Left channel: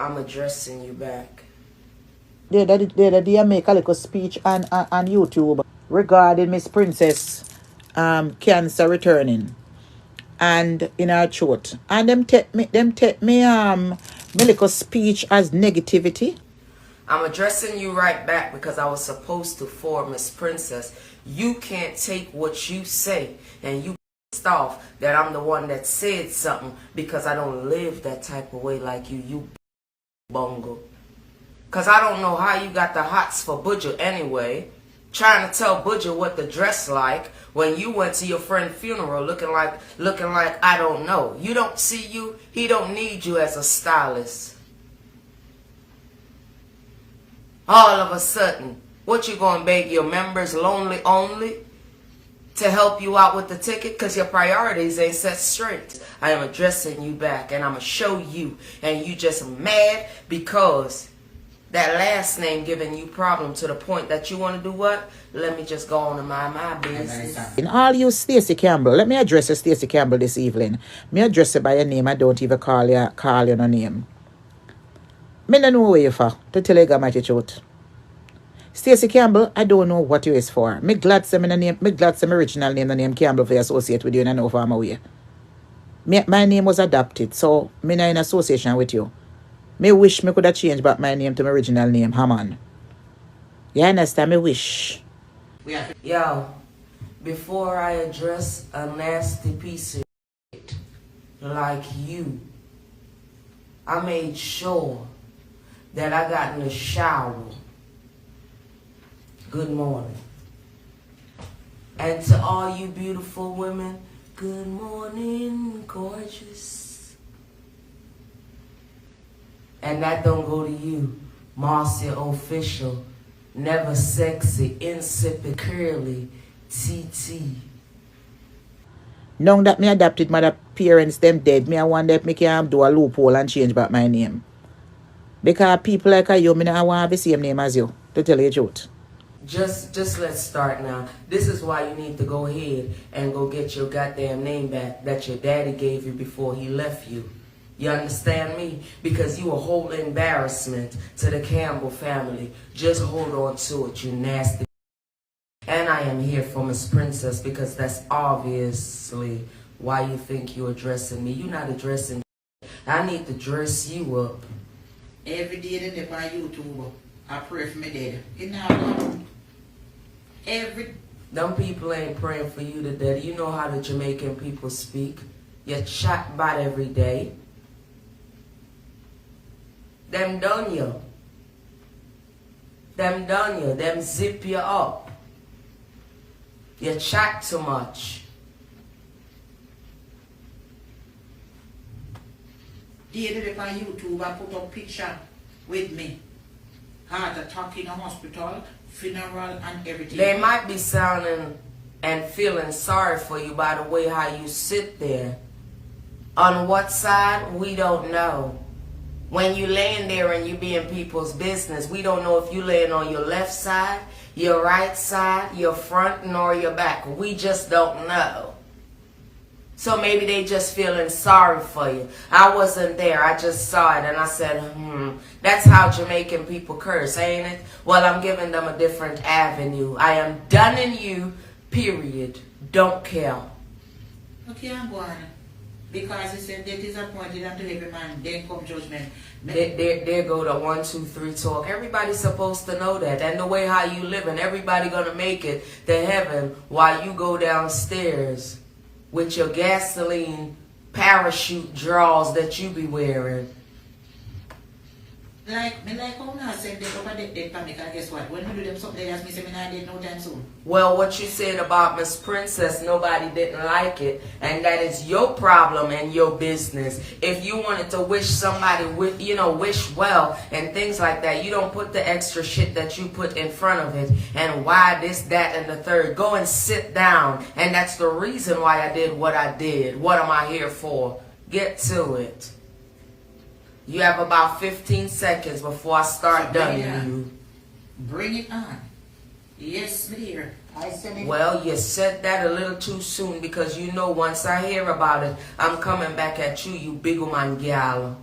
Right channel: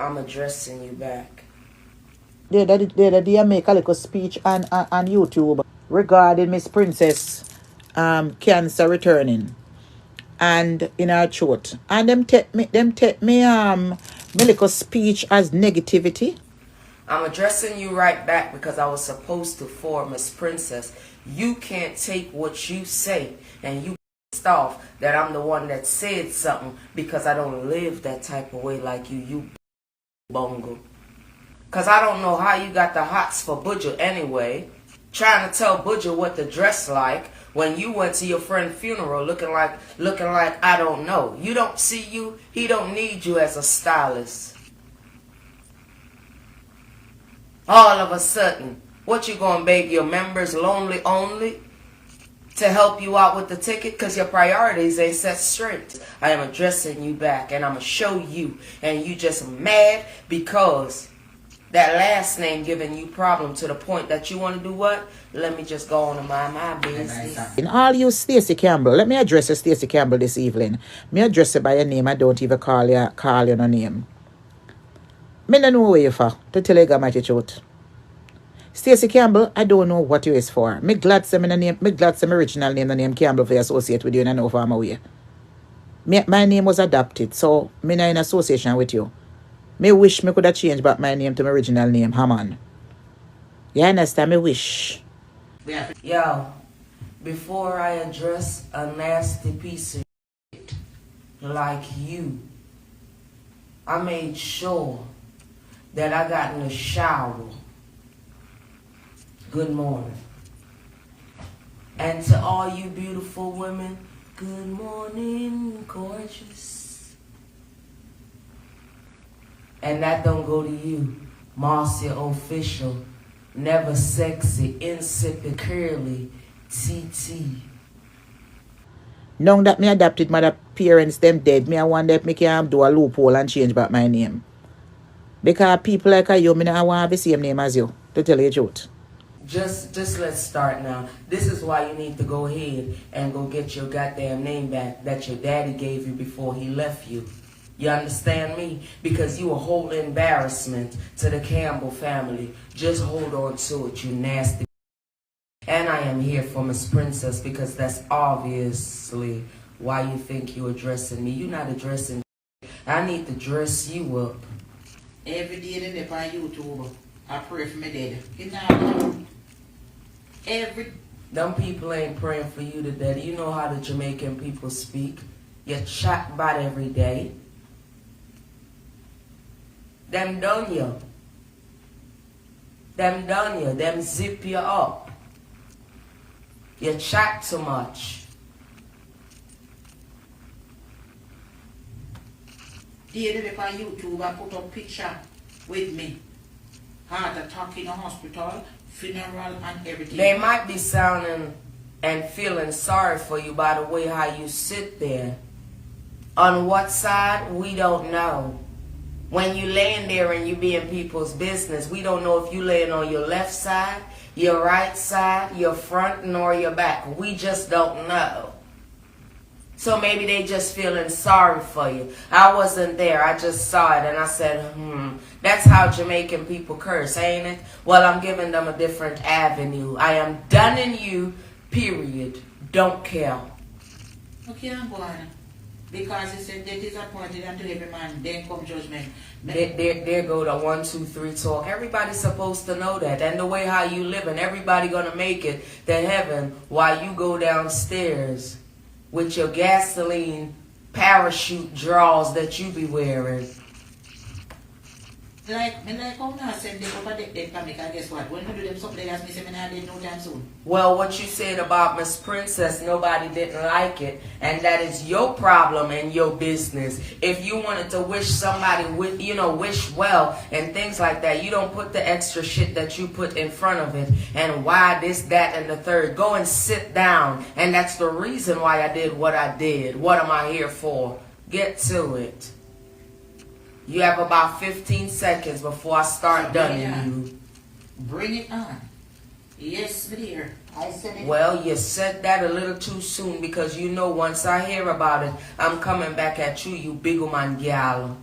I'm addressing you back. The other day I make a little speech on YouTube regarding Miss Princess cancer returning and in her throat. And them take me my little speech as negativity. I'm addressing you right back because I was supposed to for Miss Princess. You can't take what you say and you pissed off that I'm the one that said something because I don't live that type of way like you bungle. Because I don't know how you got the hots for Budger anyway. Trying to tell Budger what to dress like when you went to your friend's funeral looking like I don't know. You don't see you, he don't need you as a stylist. All of a sudden, what you gonna make your members lonely only to help you out with the ticket? Because your priorities ain't set straight. I am addressing you back and I'm gonna show you, and you just mad because that last name giving you problem to the point that you want to do what? Let me just go on to my business. In all you Stacey Campbell, let me address you Stacey Campbell this evening. Me address you by your name. I don't even call you no name. Me no know where you for, to tell you God my truth. Stacey Campbell, I don't know what you is for. Me glad say my original name, the name Campbell for associate with you and I know for my way. My name was adopted, so me not in association with you. Me wish me could have changed back my name to my original name, Haman. You understand? Me wish. Yo, before I address a nasty piece of shit like you, I made sure that I got in the shower. Good morning. And to all you beautiful women, good morning, gorgeous. And that don't go to you, Marcia official, never sexy, insipid, curly, TT. Now that me adopted my parents them dead, me I wonder if me can do a loophole and change back my name. Because people like you, me not want to have the same name as you, to tell you the truth. Just let's start now. This is why you need to go ahead and go get your goddamn name back that your daddy gave you before he left you. You understand me? Because you a whole embarrassment to the Campbell family. Just hold on to it, you nasty. And I am here for Miss Princess because that's obviously why you think you're addressing me. You're not addressing me. I need to dress you up. Every day they dip on YouTube, I pray for my daddy. You know, Them people ain't praying for you to daddy. You know how the Jamaican people speak. You chat about every day. Them done you. Them zip you up. You chat too much. The other day on YouTube, I put a picture with me. Heart attack in a hospital, funeral and everything. They might be sounding and feeling sorry for you by the way how you sit there. On what side, we don't know. When you laying there and you be in people's business, we don't know if you laying on your left side, your right side, your front, nor your back. We just don't know. So maybe they just feeling sorry for you. I wasn't there. I just saw it and I said, that's how Jamaican people curse, ain't it? Well, I'm giving them a different avenue. I am done in you, period. Don't care. Okay, I'm going. Because he said they disappointed until every man, then come judgment. There go the 1, 2, 3 talk. Everybody's supposed to know that. And the way how you living, everybody gonna make it to heaven while you go downstairs with your gasoline parachute drawers that you be wearing. Like how now send them over dead for me, because guess what? When we do them something else, me say me not dead no time soon. Well, what you said about Miss Princess, nobody didn't like it. And that is your problem and your business. If you wanted to wish somebody, wish well and things like that, you don't put the extra shit that you put in front of it. And why this, that, and the third. Go and sit down. And that's the reason why I did what I did. What am I here for? Get to it. You have about 15 seconds before I start dunning you. Bring it on. Yes, dear. I said it. Well, you said that a little too soon because you know once I hear about it, I'm coming back at you, you big man gal.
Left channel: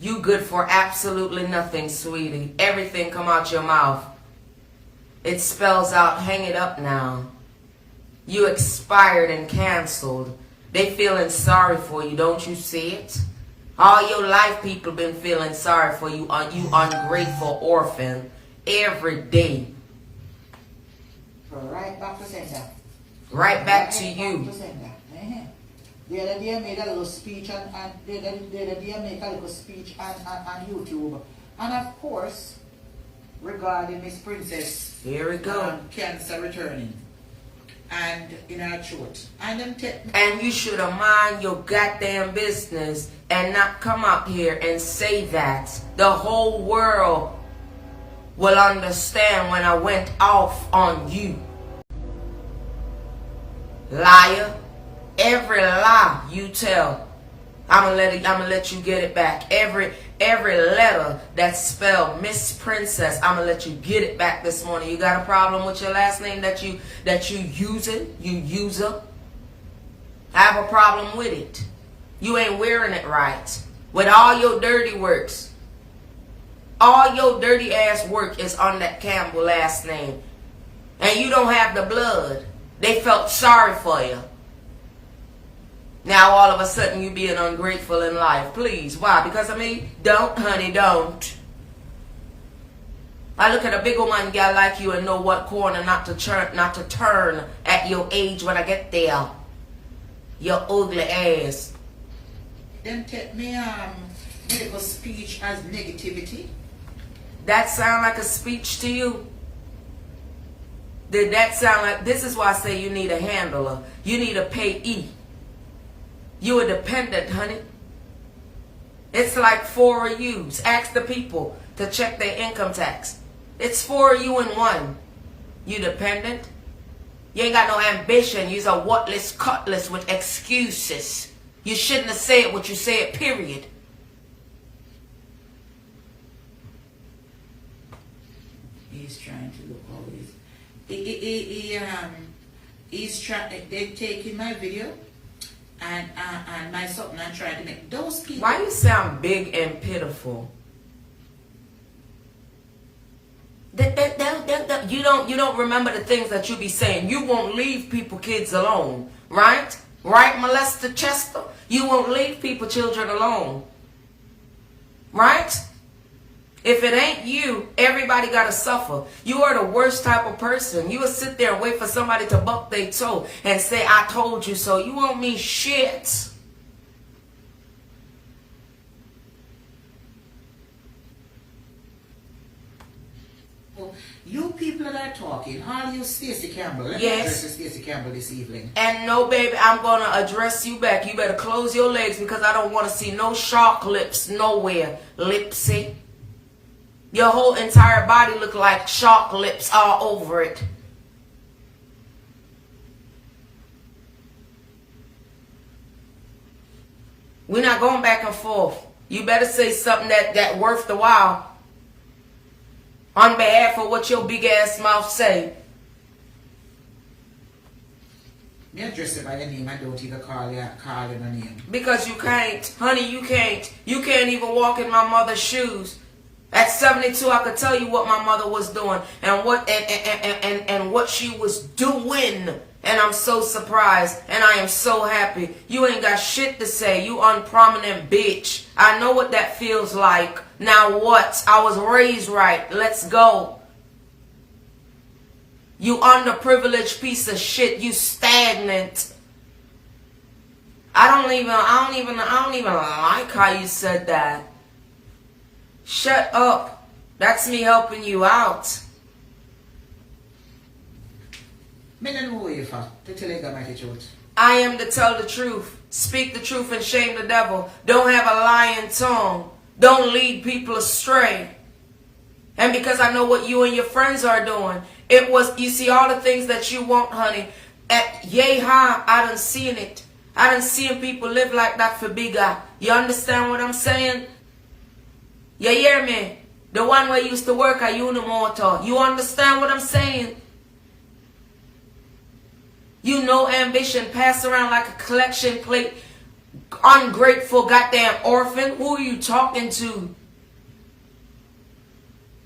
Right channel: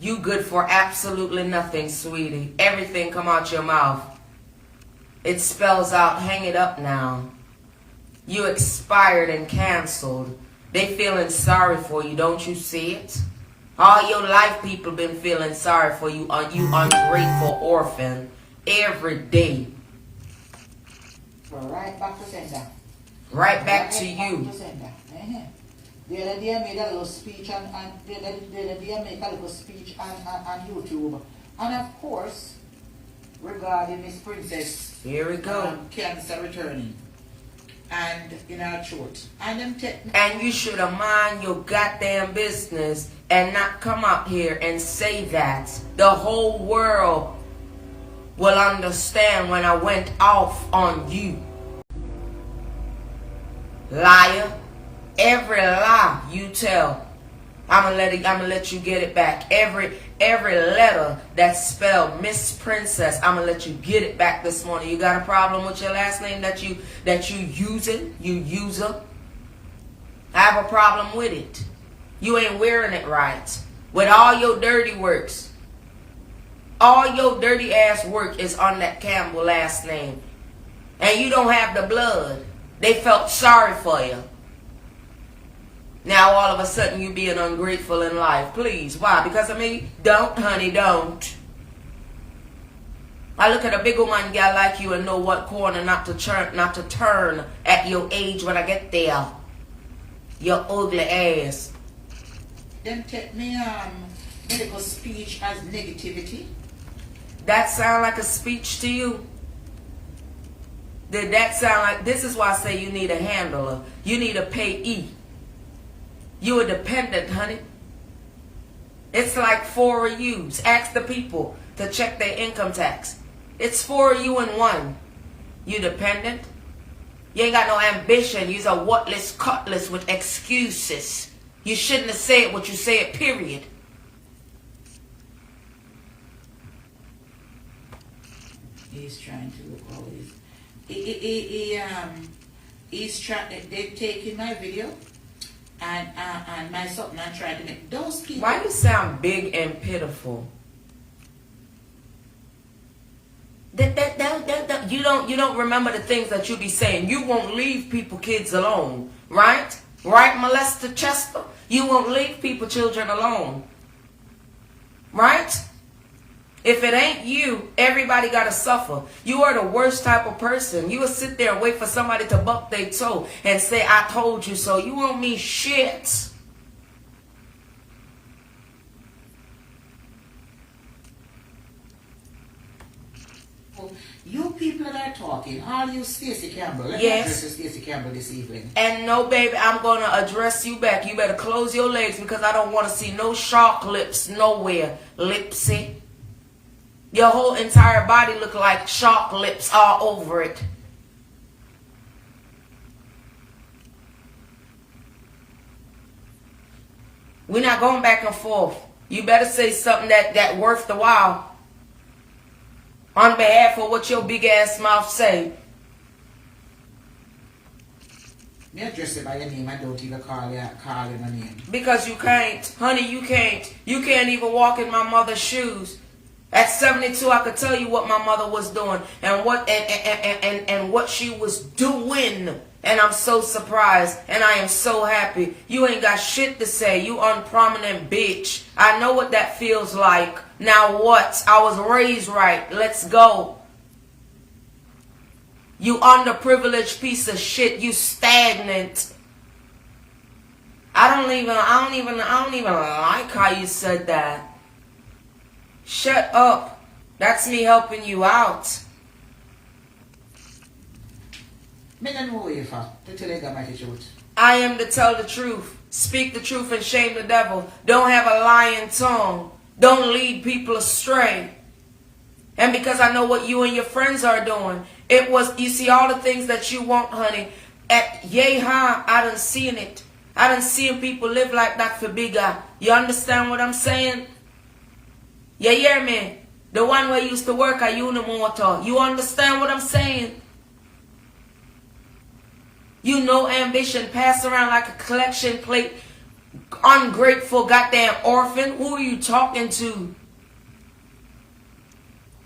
You good for absolutely nothing, sweetie. Everything come out your mouth. It spells out, hang it up now. You expired and canceled. They feeling sorry for you, don't you see it? All your life people been feeling sorry for you, you ungrateful orphan. Every day. Right back to sender. Right back to you. The other day I made a little speech on YouTube. And of course, regarding Miss Princess. Here we go. Cancer returning. And in our church. And you should have mind your goddamn business and not come up here and say that. The whole world will understand when I went off on you. Liar. Every lie you tell, I'm gonna let you get it back. Every letter that's spelled Miss Princess, I'm gonna let you get it back this morning. You got a problem with your last name that you using, you user? I have a problem with it. You ain't wearing it right. With all your dirty works. All your dirty ass work is on that Campbell last name. And you don't have the blood. They felt sorry for you. Now all of a sudden you being ungrateful in life. Please. Why? Because of me? Don't, honey, don't. I look at a big old man guy like you and know what corner not to turn at your age when I get there. Your ugly ass. Then take me medical speech as negativity. That sound like a speech to you? Did that sound like... This is why I say you need a handler. You need a payee. You a dependent, honey. It's like 4 of you. Ask the people to check their income tax. It's 4 of you in one. You dependent. You ain't got no ambition. You's a whatless cutlass with excuses. You shouldn't have said what you said, period. He's trying to look all this. He's trying. They taking my video and my something and trying to make those people. Why you sound big and pitiful? You don't remember the things that you be saying. You won't leave people, kids alone, right? Right, Molester Chester? You won't leave people, children alone, right? If it ain't you, everybody got to suffer. You are the worst type of person. You will sit there and wait for somebody to buck their toe and say, I told you so. You won't mean shit. You people that are talking, all you Stacey Campbell. Let Yes. me address Stacey Campbell this evening. And no, baby, I'm going to address you back. You better close your legs because I don't want to see no shark lips nowhere. Lipsy. Your whole entire body look like shark lips all over it. We're not going back and forth. You better say something that worth the while. On behalf of what your big ass mouth say. Me address it by your name. I don't even call you a name. Because you can't. Honey, you can't. You can't even walk in my mother's shoes. At 72, I could tell you what my mother was doing and what she was doing. And I'm so surprised and I am so happy. You ain't got shit to say. You unprominent bitch. I know what that feels like. Now what? I was raised right. Let's go. You underprivileged piece of shit. You stagnant. I don't even like how you said that. Shut up. That's me helping you out. I am to tell the truth. Speak the truth and shame the devil. Don't have a lying tongue. Don't lead people astray. And because I know what you and your friends are doing, it was, you see all the things that you want, honey. At yay high, I done seen it. I done seen people live like that for bigger. You understand what I'm saying? You hear me? The one where used to work at Unimotor. You understand what I'm saying? You know ambition pass around like a collection plate ungrateful goddamn orphan. Who are you talking to?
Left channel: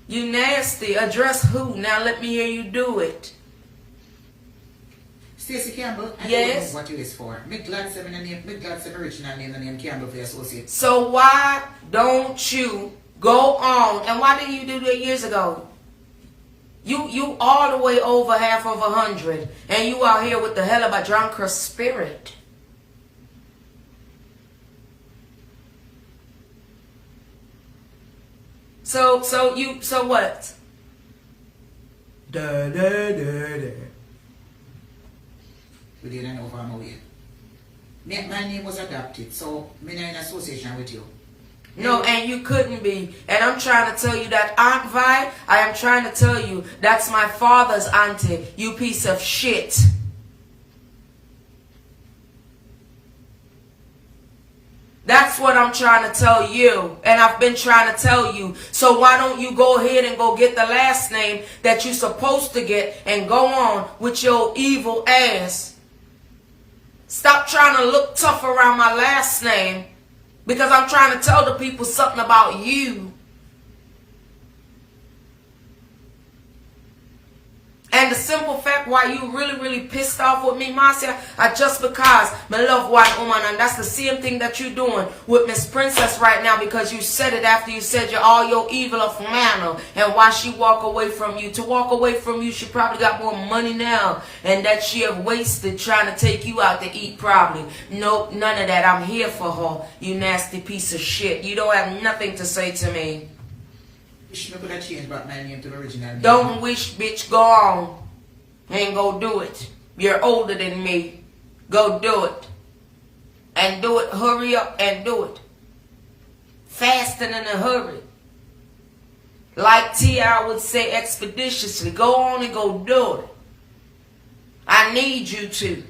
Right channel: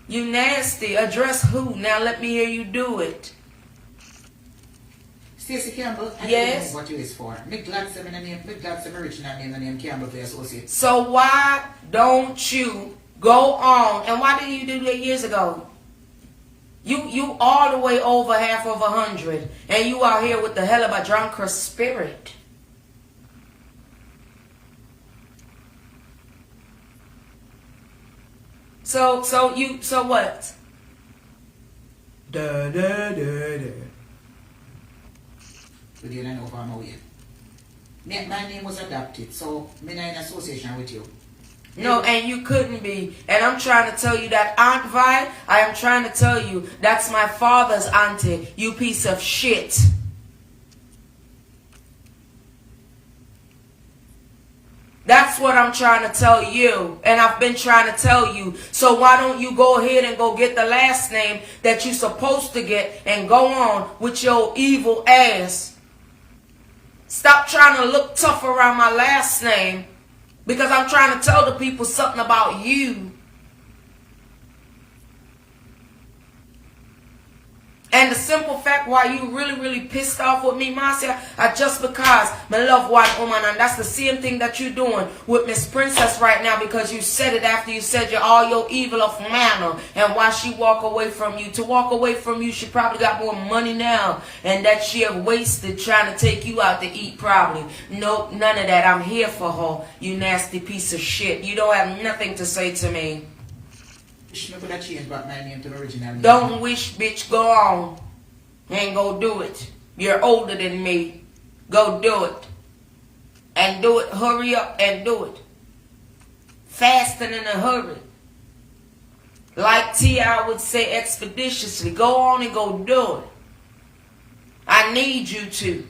You nasty. Address who? Now let me hear you do it. Stacey Campbell, I yes. Don't know what you is for. Me glad some name, me glad some original name, the name Campbell for associate. So why don't you go on? And why didn't you do that years ago? You all the way over half of 100, and you out here with the hell of a drunkard spirit. So what? Da da da da. We didn't know over my way. My name was adopted, so I'm not in association with you. No, and you couldn't be. And I'm trying to tell you that Aunt Vi, I am trying to tell you that's my father's auntie, you piece of shit. That's what I'm trying to tell you. And I've been trying to tell you. So why don't you go ahead and go get the last name that you're supposed to get and go on with your evil ass. Stop trying to look tough around my last name. Because I'm trying to tell the people something about you. And the simple fact why you really pissed off with me, Marcia, are just because my love one woman, and that's the same thing that you're doing with Miss Princess right now, because you said it after you said you're all your evil of manner, and why she walk away from you. To walk away from you, she probably got more money now, and that she have wasted trying to take you out to eat probably. Nope, none of that. I'm here for her, you nasty piece of shit. You don't have nothing to say to me. Wish me could have changed back my name to the original name. Don't wish, bitch. Go on. And go do it. You're older than me. Go do it. And do it. Hurry up and do it. Fast and in a hurry. Like T.I. would say, expeditiously. Go on and go do it. I need you to.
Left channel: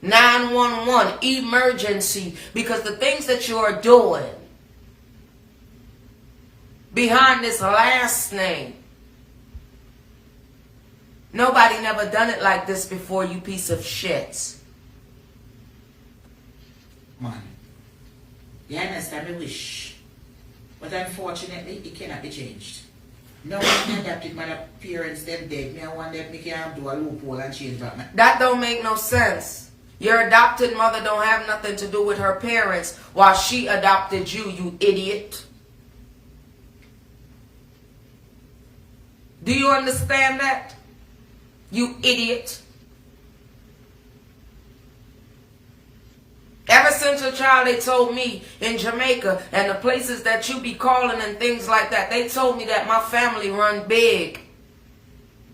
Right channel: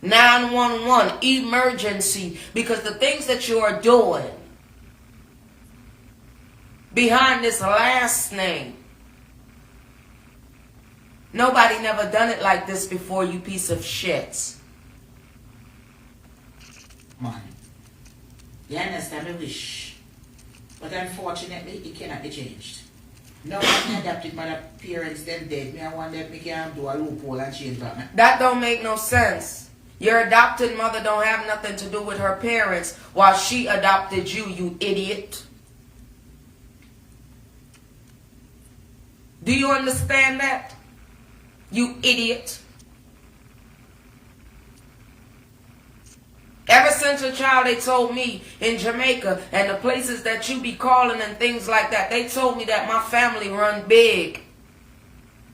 911. Emergency. Because the things that you are doing behind this last name, nobody never done it like this before, you piece of shit. Man, you understand my wish, but unfortunately it cannot be changed. No one adopted my parents, them dead. Me I want that me can do a loophole and change that. That don't make no sense. Your adopted mother don't have nothing to do with her parents while she adopted you, you idiot. Do you understand that? You idiot. Ever since a child, they told me in Jamaica and the places that you be calling and things like that, they told me that my family run big.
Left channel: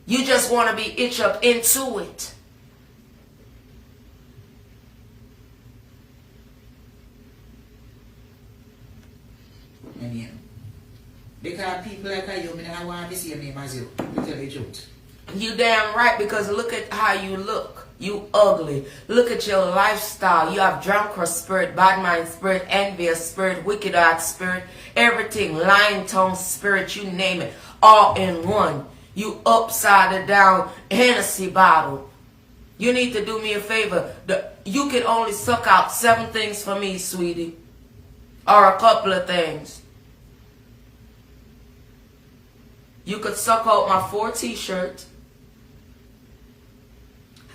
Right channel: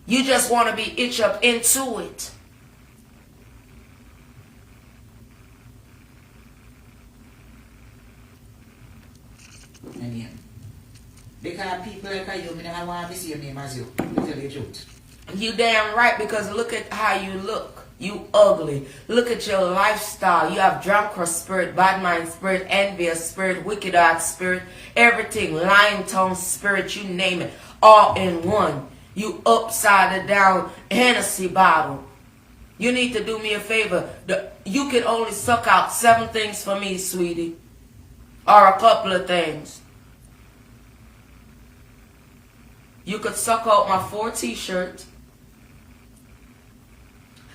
You just want to be itch up into it. And yeah. Because people like you, I want to be the same name as you. To tell the truth. You damn right, because look at how you look. You ugly. Look at your lifestyle. You have drunkard spirit, bad mind spirit, envious spirit, wicked eye spirit, everything, lying tongue spirit, you name it, all in one. You upside down Hennessy bottle. You need to do me a favor. You can only suck out 7 things for me, sweetie. Or a couple of things. You could suck out my 4 t-shirts.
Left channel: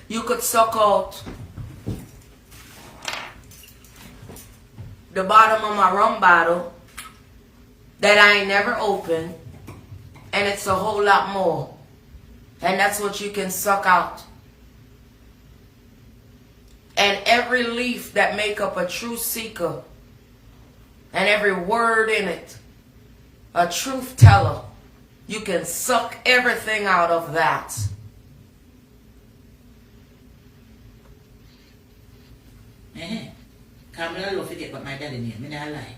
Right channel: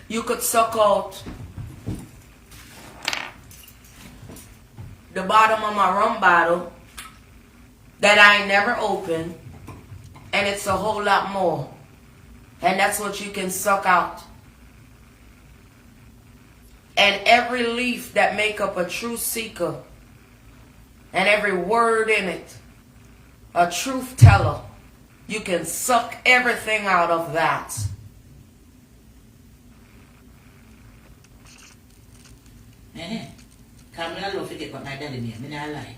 You could suck out the bottom of my rum bottle that I ain't never opened. And it's a whole lot more. And that's what you can suck out. And every leaf that make up a true seeker. And every word in it. A truth teller. You can suck everything out of that. Come here, I love to forget what my daddy name. Me not lie.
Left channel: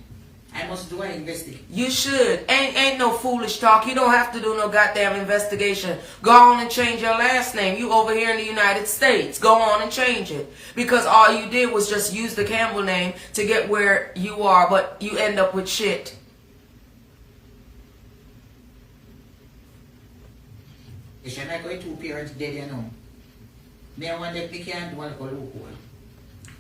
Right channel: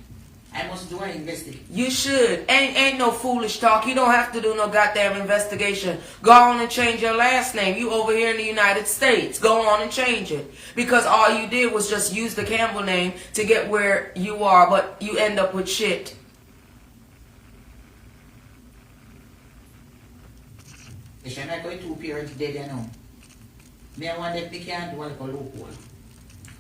I must do an investigation. You should. Ain't no foolish talk. You don't have to do no goddamn investigation. Go on and change your last name. You over here in the United States. Go on and change it. Because all you did was just use the Campbell name to get where you are, but you end up with shit. If I'm going 2 parents dead, you know. Me I want them to can't do a loophole.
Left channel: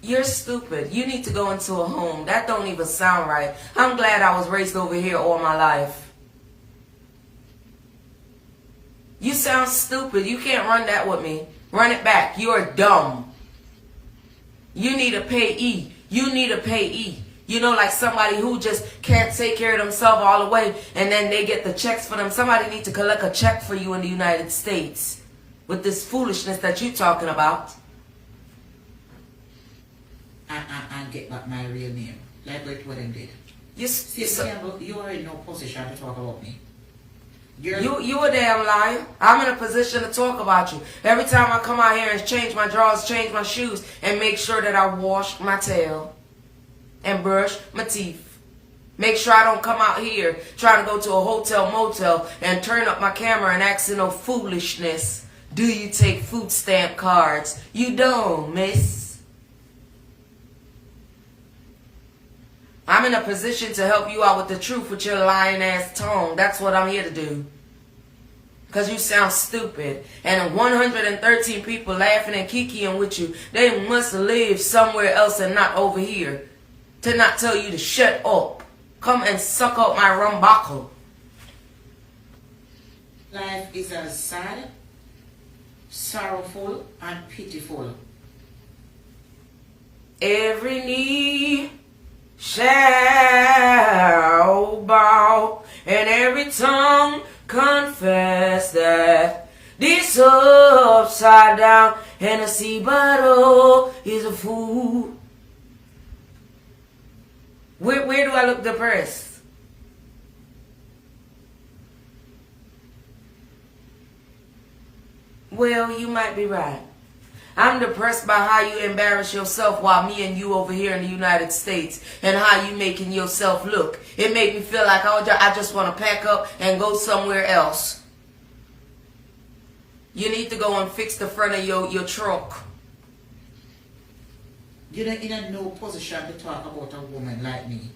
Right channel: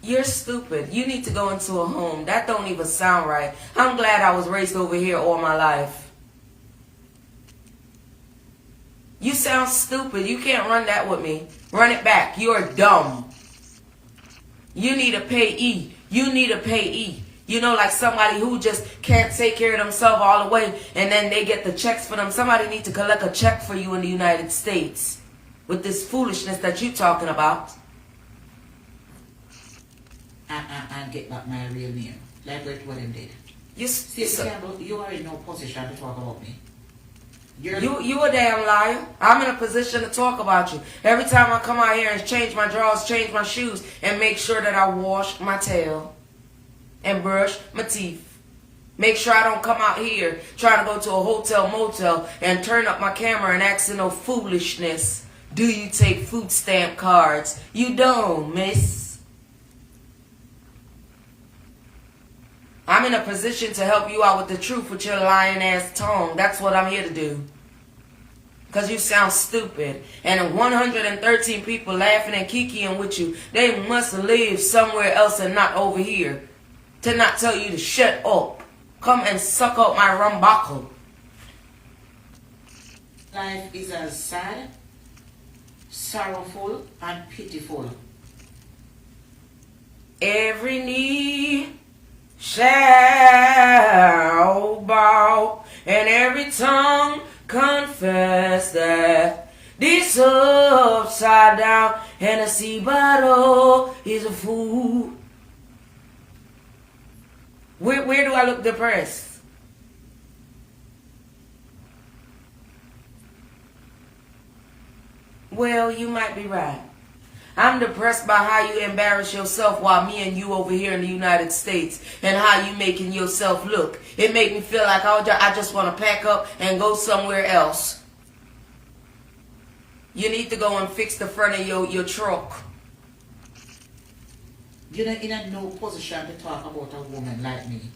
You're stupid. You need to go into a home. That don't even sound right. I'm glad I was raised over here all my life. You sound stupid. You can't run that with me. Run it back. You're dumb. You need a payee. You need a payee. You know, like somebody who just can't take care of themselves all the way and then they get the checks for them. Somebody needs to collect a check for you in the United States with this foolishness that you're talking about. And get back my real name. Like what them did. Campbell, you are in no position to talk about me. You a damn liar. I'm in a position to talk about you. Every time I come out here and change my drawers, change my shoes, and make sure that I wash my tail and brush my teeth. Make sure I don't come out here trying to go to a hotel motel and turn up my camera and ask no foolishness. Do you take food stamp cards? You don't, miss. I'm in a position to help you out with the truth with your lying ass tongue. That's what I'm here to do. Because you sound stupid. And 113 people laughing and kikiing with you. They must live somewhere else and not over here. To not tell you to shut up. Come and suck out my rumbuckle. Life is as sad, sorrowful, and pitiful. Every knee shall bow, and every tongue confess that this upside down Hennessy bottle is a fool. Where do I look depressed? Well, you might be right. I'm depressed by how you embarrass yourself while me and you over here in the United States and how you making yourself look. It make me feel like I just want to pack up and go somewhere else. You need to go and fix the front of your truck. You're not in no position to talk about a woman like me.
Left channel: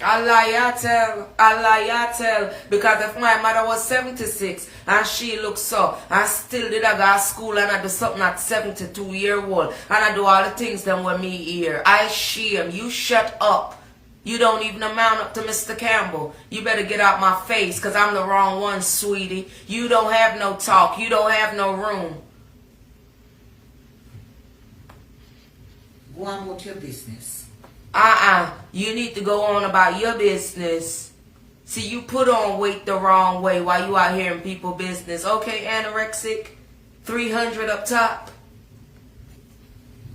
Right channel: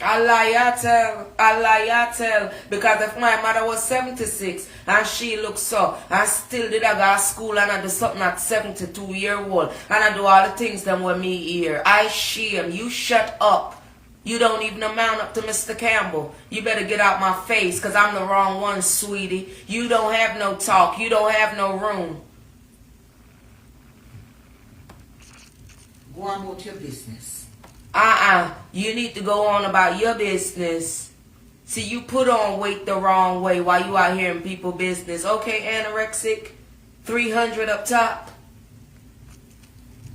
I lie, tell. Because if my mother was 76 and she looks so, I still did I go to school and I do something at 72-year-old and I do all the things that with me here. I shame. You shut up. You don't even amount up to Mr. Campbell. You better get out my face because I'm the wrong one, sweetie. You don't have no talk. You don't have no room. Go on about your business. You need to go on about your business. See, you put on weight the wrong way while you out here in people business. Okay, anorexic, 300 up top.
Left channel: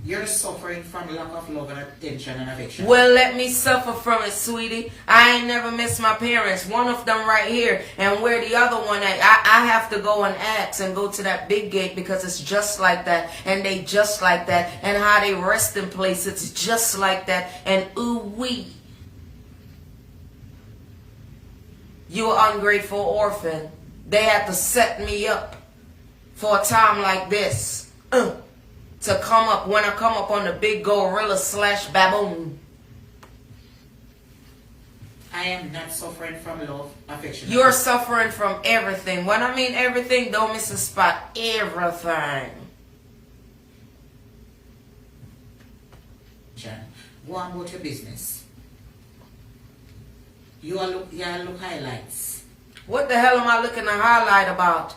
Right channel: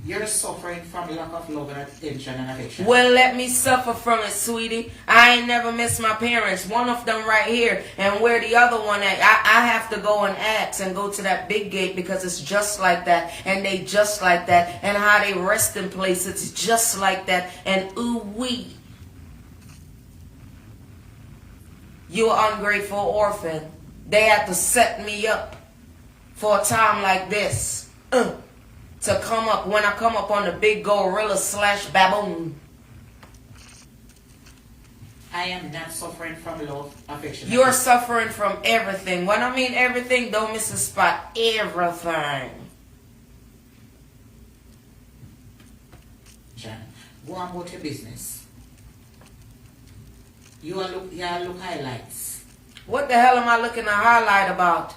You're suffering from lack of love and attention and affection. Well, let me suffer from it, sweetie. I ain't never missed my parents. One of them right here. And where the other one at? I have to go and ask and go to that big gate because it's just like that. And they just like that. And how they rest in place, it's just like that. And ooh-wee. You're an ungrateful orphan. They had to set me up for a time like this. To come up when I come up on the big gorilla / baboon. I am not suffering from love, affection. You're suffering from everything. When I mean everything, don't miss a spot. Everything. Jan, go on about your business. You look highlights. What the hell am I looking to highlight about?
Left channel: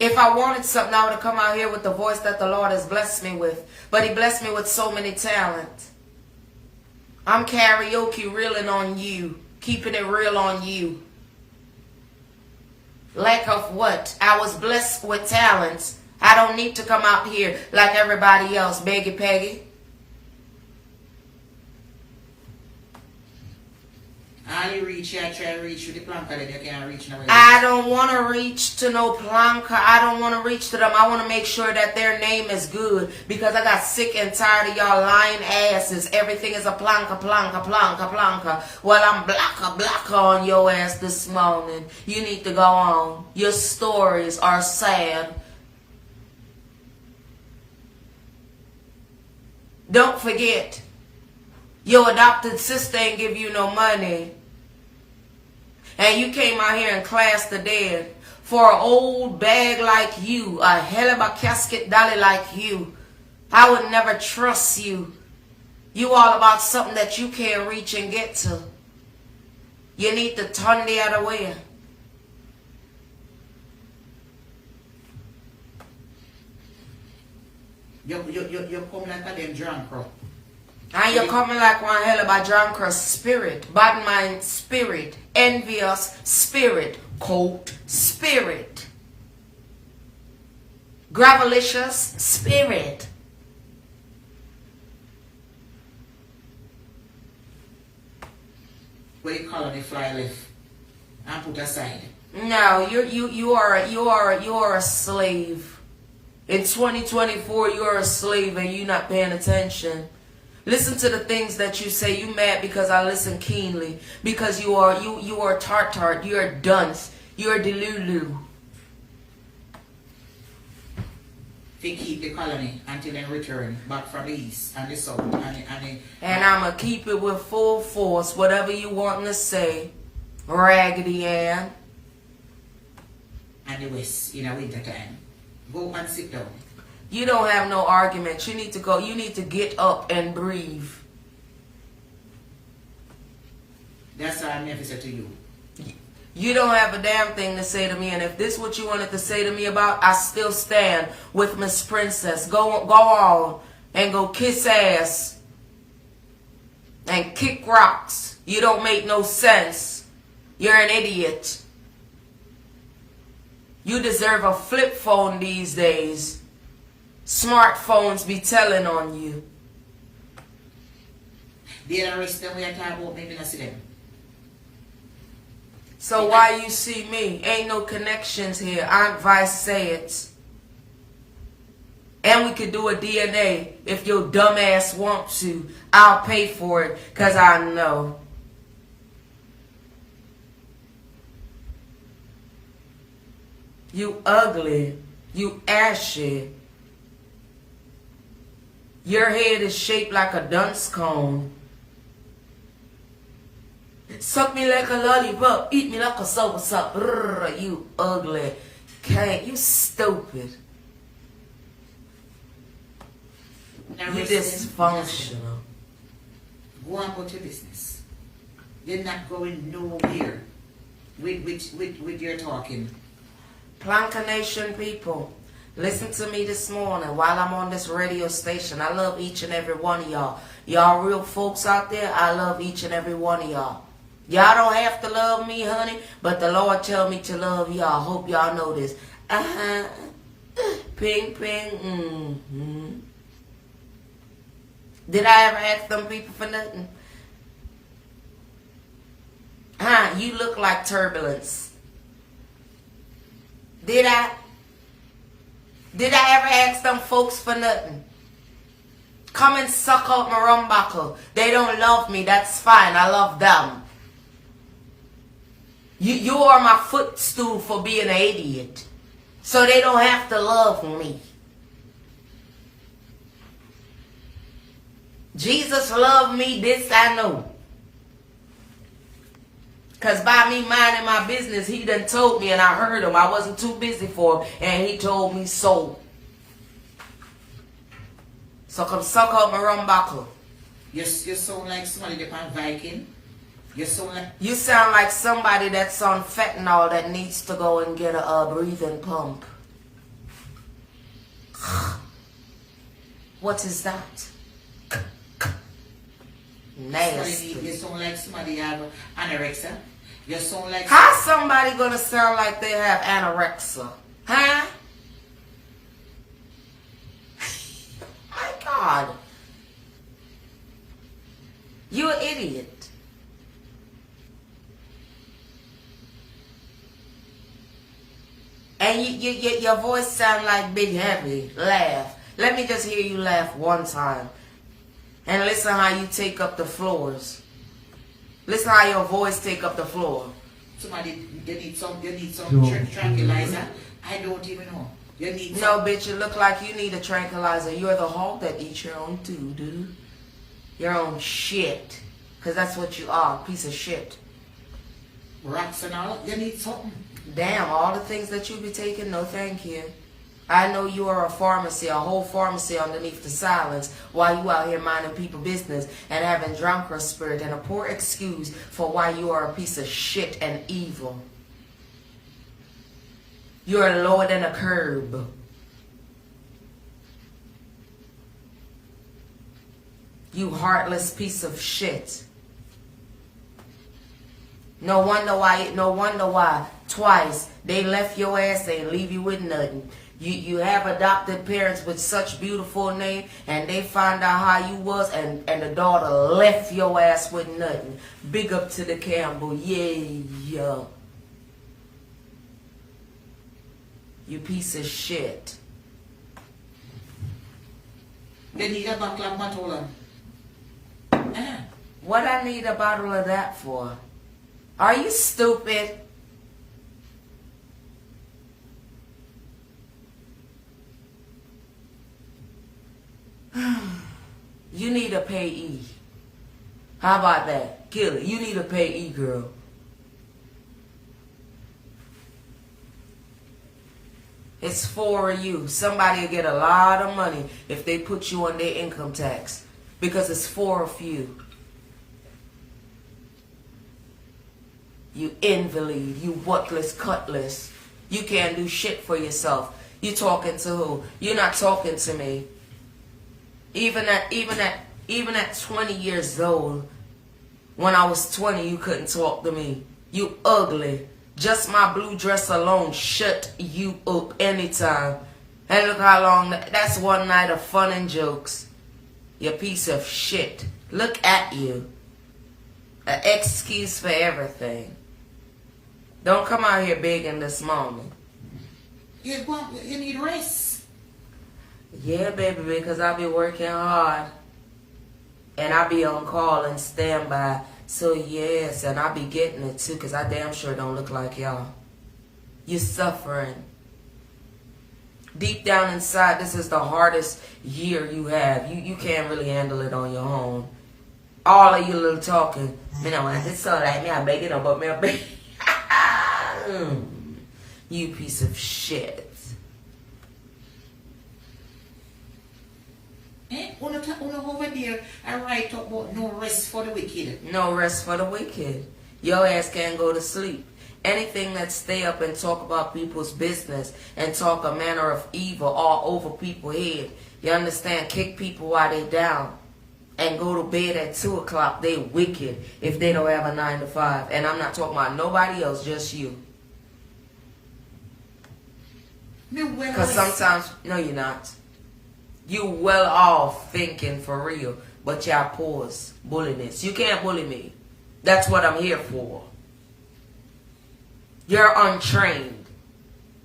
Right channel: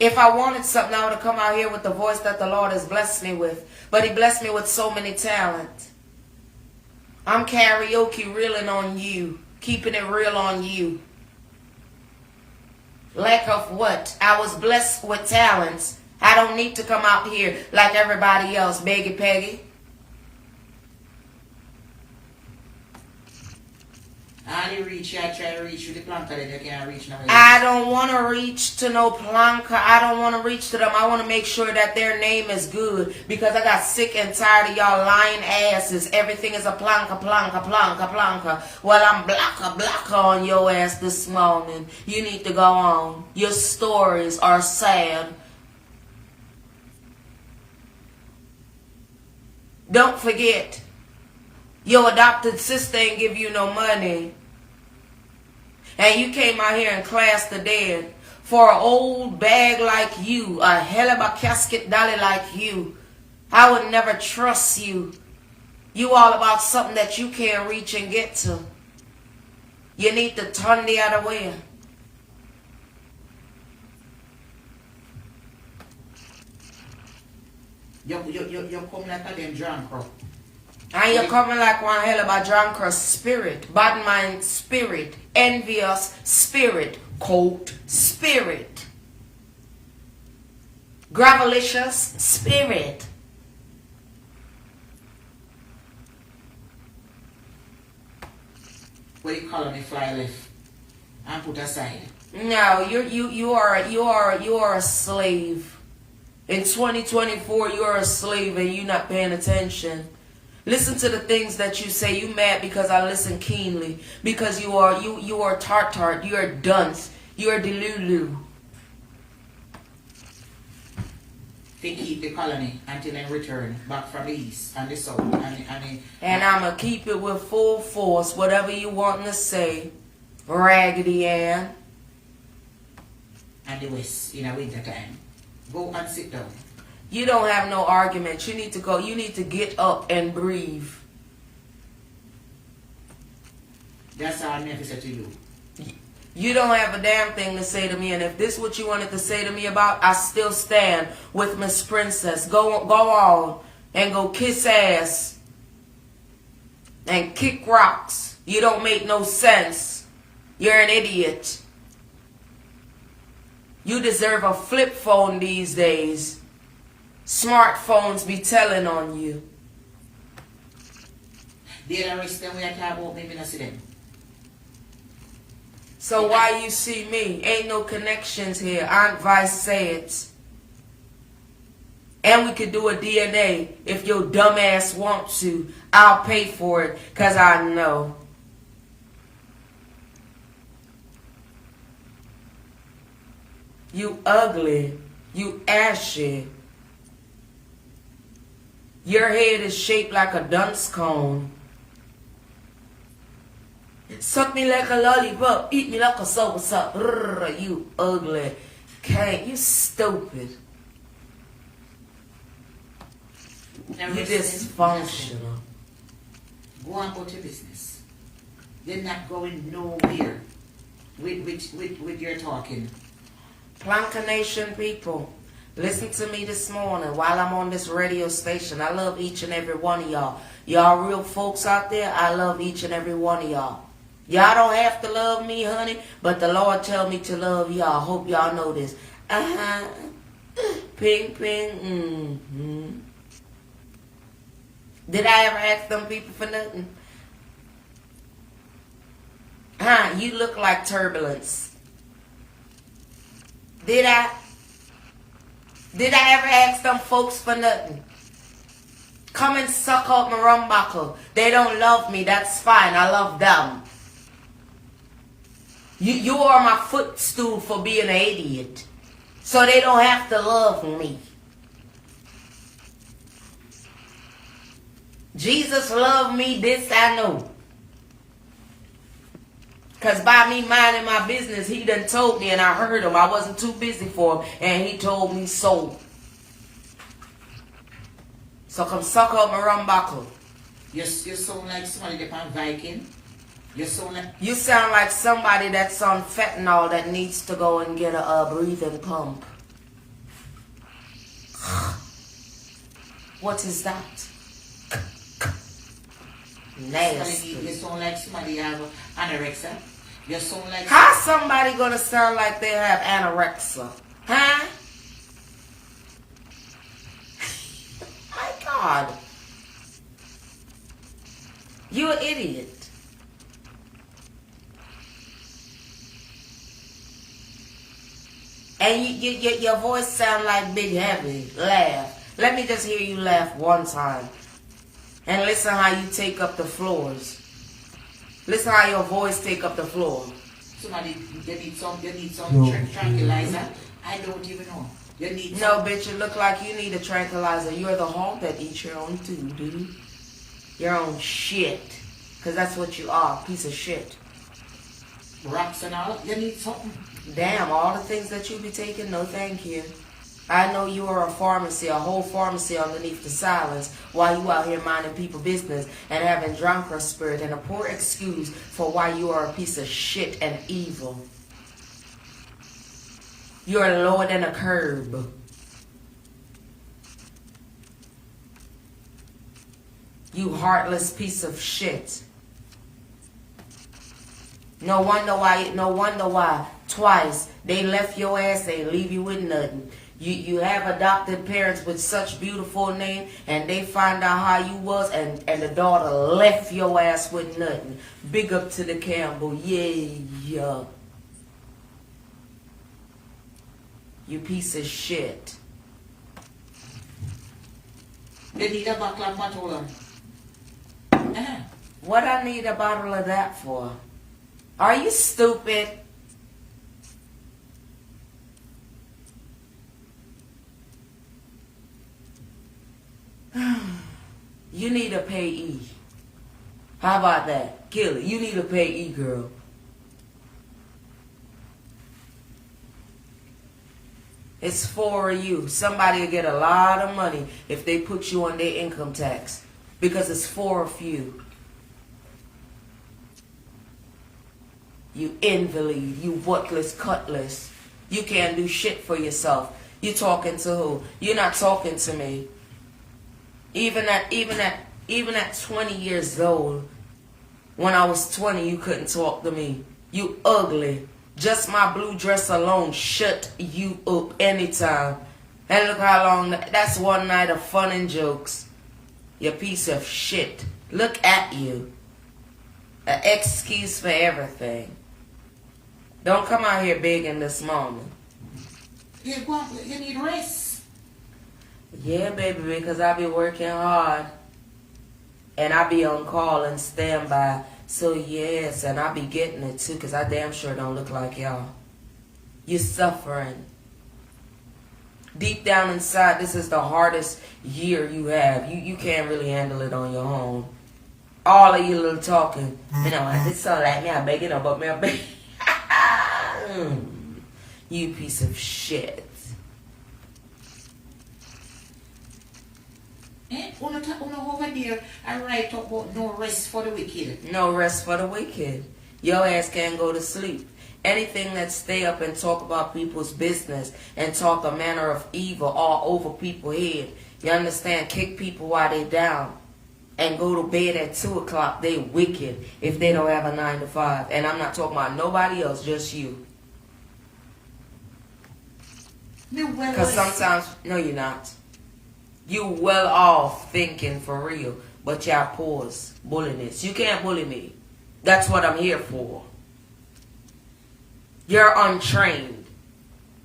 If I wanted something, I would have come out here with the voice that the Lord has blessed me with. But He blessed me with so many talents. I'm karaoke reeling on you. Keeping it real on you. Lack of what? I was blessed with talents. I don't need to come out here like everybody else. Beggy Peggy. I try to reach with the planka that you can't reach nowhere. I don't want to reach to no planka. I don't want to reach to them. I want to make sure that their name is good because I got sick and tired of y'all lying asses. Everything is a planka. Well, I'm blacker on your ass this morning. You need to go on. Your stories are sad. Don't forget, your adopted sister ain't give you no money. And you came out here and classed the dead for an old bag like you, a hell of a casket dolly like you. I would never trust you. You all about something that you can't reach and get to. You need to turn the other way. You're coming like a damn drunk, bro. And you're coming like one hell of a drunkard spirit, bad mind spirit, envious spirit, cold spirit, gravelicious spirit. What do you call on the fly lift and put aside? No, you are a slave. In 2024, you're a slave and you're not paying attention. Listen to the things that you say. You mad because I listen keenly. Because you are tart. You are dunce. You are delulu. They keep the colony until they return back from the east and the south and I'ma keep it with full force. Whatever you want to say, Raggedy Ann. And the west in a winter time. Go and sit down. You don't have no argument. You need to go. You need to get up and breathe. That's all I never said to you. You don't have a damn thing to say to me, and if this is what you wanted to say to me about, I still stand with Miss Princess. Go on and go kiss ass and kick rocks. You don't make no sense. You're an idiot. You deserve a flip phone these days. Smartphones be telling on you. The other rest them we are talking about, maybe not see them. So why you see me? Ain't no connections here. Aunt Vice said. And we could do a DNA if your dumb ass want to. I'll pay for it because I know. You ugly. You ashy. Your head is shaped like a dunce cone. Suck me like a lollipop. Eat me like a soba sup. You ugly. Can't. You stupid. You dysfunctional. Go and go to business. You're not going nowhere with your talking. Planka Nation people, listen to me this morning while I'm on this radio station. I love each and every one of y'all. Y'all real folks out there, I love each and every one of y'all. Y'all don't have to love me, honey, but the Lord tell me to love y'all. Hope y'all know this. Ping, ping, Did I ever ask them people for nothing? You look like turbulence. Did I ever ask them folks for nothing? Come and suck out my rum buckle. They don't love me. That's fine. I love them. You are my footstool for being an idiot. So they don't have to love me. Jesus loved me, this I know. Because by me minding my business, he done told me and I heard him. I wasn't too busy for him and he told me so. So come suck up my rum buckle. You sound like somebody that's on Viking. You sound like somebody that's on fentanyl that needs to go and get a breathing pump. What is that? Nasty. You sound like somebody have anorexia. You sound like... How somebody gonna sound like they have anorexia? Huh? My God. You an idiot. And your voice sound like Big Heavy. Laugh. Let me just hear you laugh one time. And listen how you take up the floors. Listen how your voice take up the floor. Somebody, you need some tranquilizer. I don't even know. You need some. No, bitch, you look like you need a tranquilizer. You're the hog that eats your own food, dude. Your own shit. Because that's what you are, piece of shit. Rocks and all. You need something. Damn, all the things that you be taking, no thank you. I know you are a pharmacy, a whole pharmacy underneath the silence, while you out here minding people's business and having drunkard spirit and a poor excuse for why you are a piece of shit and evil. You are lower than a curb. You heartless piece of shit. No wonder why twice they left your ass, they leave you with nothing. You have adopted parents with such beautiful name, and they find out how you was, and the daughter left your ass with nothing. Big up to the Campbell, yeah. You piece of shit. They need a bottle of Matola. What I need a bottle of that for? Are you stupid? You need a payee. How about that? Kill it. You need a payee, girl. It's for you. Somebody will get a lot of money if they put you on their income tax. Because it's for a few. You invalid. You worthless cutlass. You can't do shit for yourself. You talking to who? You're not talking to me. Even at 20 years old, when I was 20, you couldn't talk to me. You ugly. Just my blue dress alone shut you up anytime. And look how long that's one night of fun and jokes. You piece of shit. Look at you. An excuse for everything. Don't come out here begging this morning. You need rest. Yeah, baby, because I be working hard. And I be on call and standby. So yes, and I be getting it too, because I damn sure don't look like y'all. You're suffering. Deep down inside, this is the hardest year you have. You can't really handle it on your own. All of you little talking. You know, when it's so like me, I make it up, but me, I make you piece of shit. Over there, I write about no rest for the wicked. No rest for the wicked. Your ass can't go to sleep. Anything that stay up and talk about people's business and talk a manner of evil all over people's head. You understand? Kick people while they down. And go to bed at 2 o'clock. They wicked if they don't have a 9 to 5. And I'm not talking about nobody else, just you. Because sometimes, no you're not. You well off thinking for real, but y'all pause bulliness. You can't bully me. That's what I'm here for. You're untrained.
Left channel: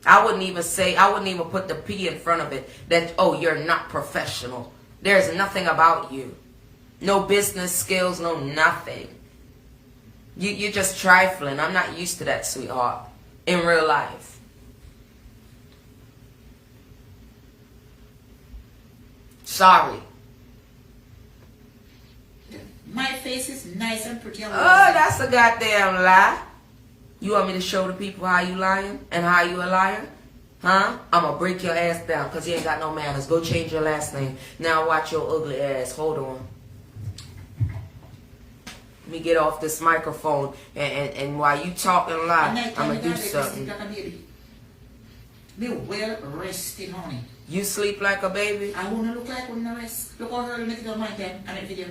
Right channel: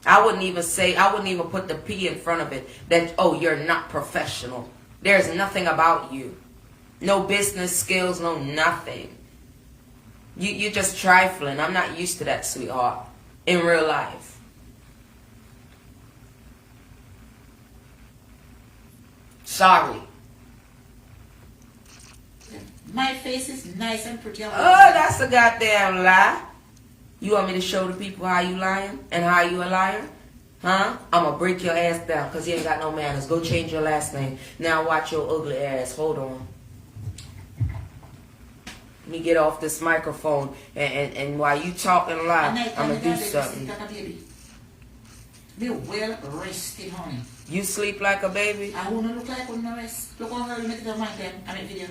I wouldn't even put the P in front of it. That, oh, you're not professional. There's nothing about you. No business skills, no nothing. You're just trifling. I'm not used to that, sweetheart. In real life. Sorry. My face is nice and pretty. Oh, that's a goddamn lie. You want me to show the people how you lying and how you a liar? Huh? I'm going to break your ass down because you ain't got no manners. Go change your last name. Now watch your ugly ass. Hold on. Let me get off this microphone and while you talk and lie, I'm going to do something. Be well rested, honey. You sleep like a baby? I wanna look like one rest. Look how her make the mic and a video.